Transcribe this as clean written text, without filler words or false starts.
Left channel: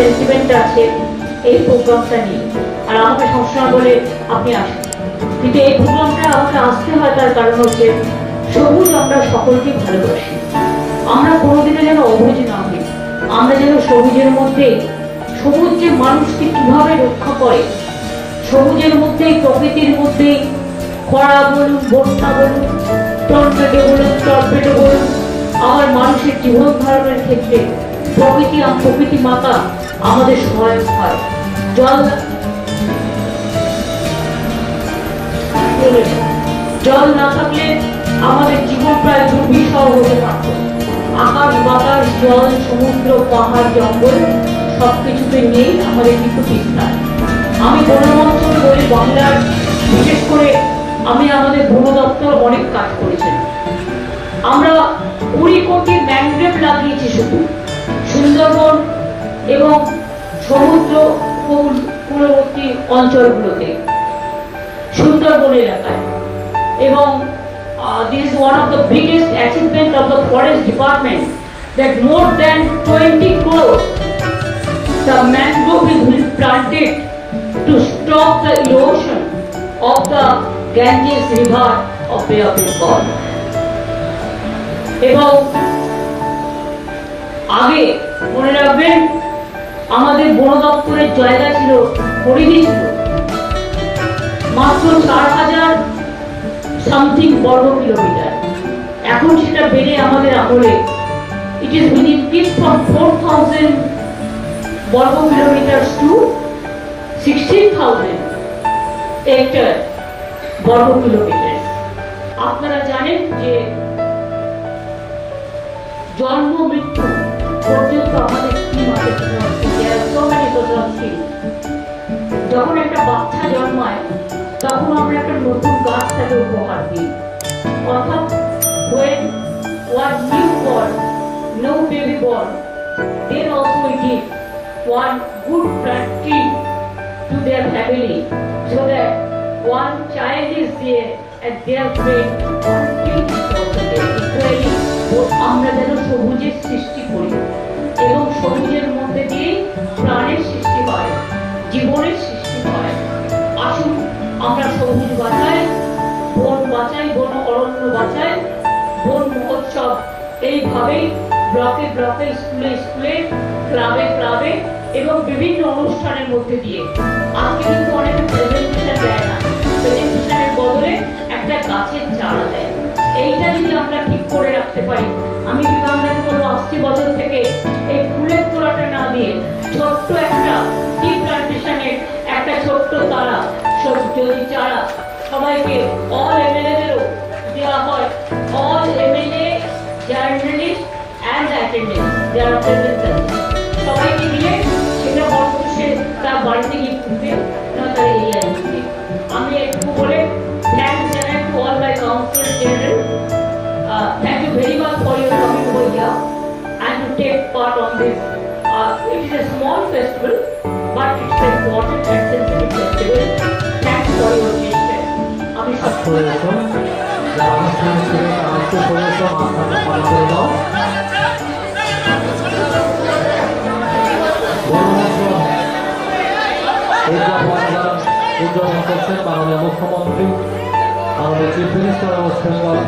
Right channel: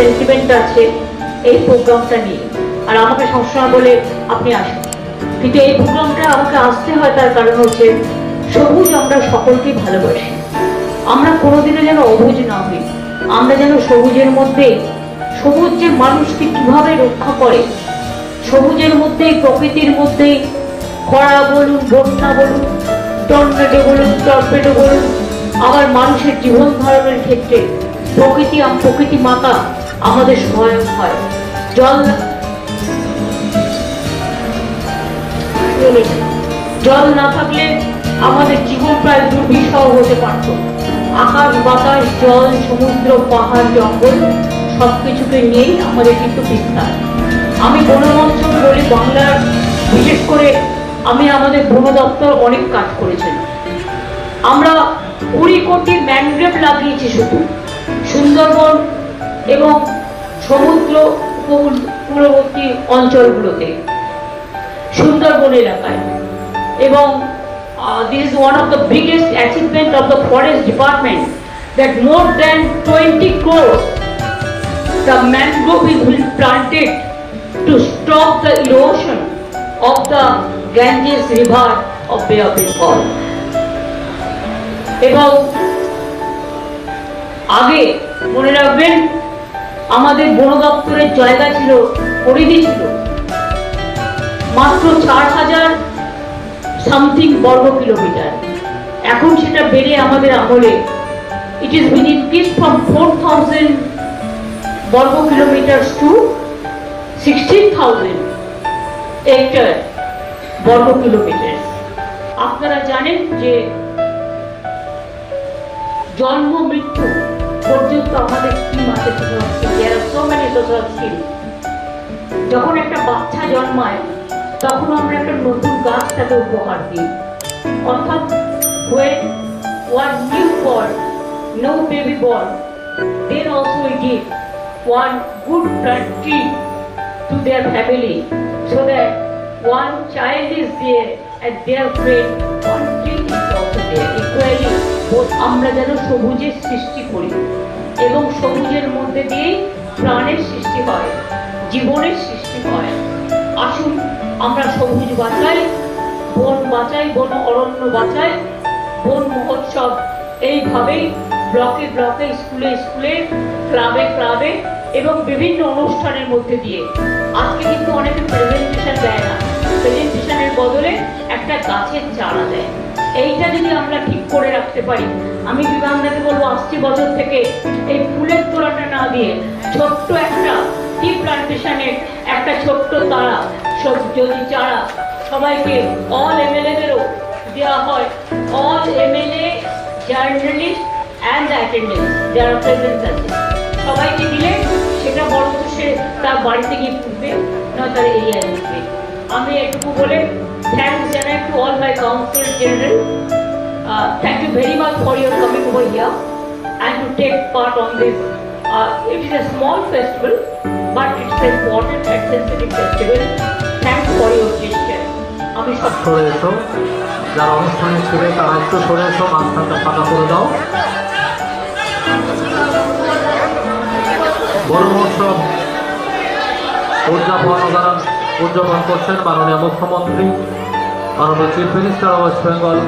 Sentiment আছে এই প্রোগ্রামটা নিয়ে। আর আমাকে সবসময় বলে আপনি আসুন, কিন্তু এই প্রোগ্রামটা আমাকে আসতে হয় তার কারণ হচ্ছে সবুজ আমরা সকলকে ভালোবাসি। আমরা কোনোদিনও যেন অবুঝ না হই, আমরা যেন সবুজের মধ্যে, সবুজ যে মানুষকে কিভাবে রক্ষা করে, সবুজের মধ্যে প্রকৃতির মধ্যে খরা বলুন, বন্যা বলুন, টর্নেডো বলুন, আবার মানুষের জীবন ধারণের ক্ষেত্রে প্রকৃতি মাতা আমাদের সহায়ক হয়। জল না থাকলে আমাদের জীবন প্রায় দুর্বিষহ হতে পারত। আকাশ বাতাস জল সমুদ্র পাহাড় জঙ্গল সবকিছুকে নিয়েই আমাদের কিন্তু বিস্তার। আমি বনমঞ্চল বলে বাংলার, বিশেষ করে আমি আমাদের বন দপ্তর অনেক কাজ করেছেন। আমরা 20 কোটি ম্যানগ্রোভ লাগিয়েছি শুধু সুন্দরবন এবং সমুদ্র উপকূলবর্তী অঞ্চলগুলোতে, সুন্দরবন এলাকায়। এবং this is one of the biggest achievement of the forest department, that more than 20 crores the mangrove is planted to stop the erosion of the Ganges river of Bay of Bengal. এবং আগে মনে রাখবেন আমাদের বন দপ্তরের জায়গা ছিল, পরিধি ছিল মাত্র 4000 সামথিং বর্গ কিলোমিটার। এখন সেটা বেড়ে আমাদের আমলে it is been increased from 4000 বর্গ কিলোমিটার to 16,000 হেক্টর বর্গ কিলোমিটার। আপনারা জানেন যে জন্ম মৃত্যু পর্যন্ত আমাদের স্কিম আছে, there are so many social schemes। যখন একটা বাচ্চা জন্মায় তখন আমরা একটা নতুন গাছ তাকে উপহার দিই, অর্থাৎ when one newborn, no baby born, then also we give one good plant tree to their family, so that one child is there and their friend, one tree is also there equally। আমরা যেন সবুজের সৃষ্টি করি এবং সবুজের মধ্যে দিয়েই প্রাণের সৃষ্টি হয়, জীবনের সৃষ্টি হয়। আসুন আমরা সবুজ বাঁচাই, বন বাঁচাই, বন অরণ্য বাঁচাই। বন মহোৎসব এইভাবেই ব্লকে ব্লকে, স্কুলে স্কুলে, ক্লাবে ক্লাবে এবং বিভিন্ন অনুষ্ঠানের মধ্যে দিয়ে। আজকে কিন্তু অনেকে প্রেজেন্টেশন দেয় না, প্রেজেন্টেশনের বদলে একটা গাছের চারা দেয়। এইটা যদি আমরা ঠিক করে রাখতে পারি, আমি বিভাগনাকে বলবো আসছে বছর থেকে এই ফুলের তোড়াটা না দিয়ে ছোট্ট একটা টি প্লান্টেশনের একটা ছোট্ট তারা যদি চারা সবাইকে, অল এমএলএদেরও দেওয়া হয়, all MLA journalist and attendance যারা প্রেজেন্ট আছে সবাইকে দিলে সেটা বরঞ্চ সে তার বাড়িতে গিয়ে ফুটবে না তার এরিয়ায় ফুটবে। আমি একটু বলে থ্যাংকস জানাই to all my councillor general. Thank you very much for your coming over here and to take part on this. It is a small festival, but it's an important and sensitive festival. Thanks for your gesture. আমি সরে এসো, যারা অনুষ্ঠানে ছিল তারা একটু সরে এসো, মাঝখানটা ফাঁকা করে দাও। বড় মহোৎসব উদযাপন করছেন মাননীয় মুখ্যমন্ত্রী, মাননীয় chief minister of West Bengal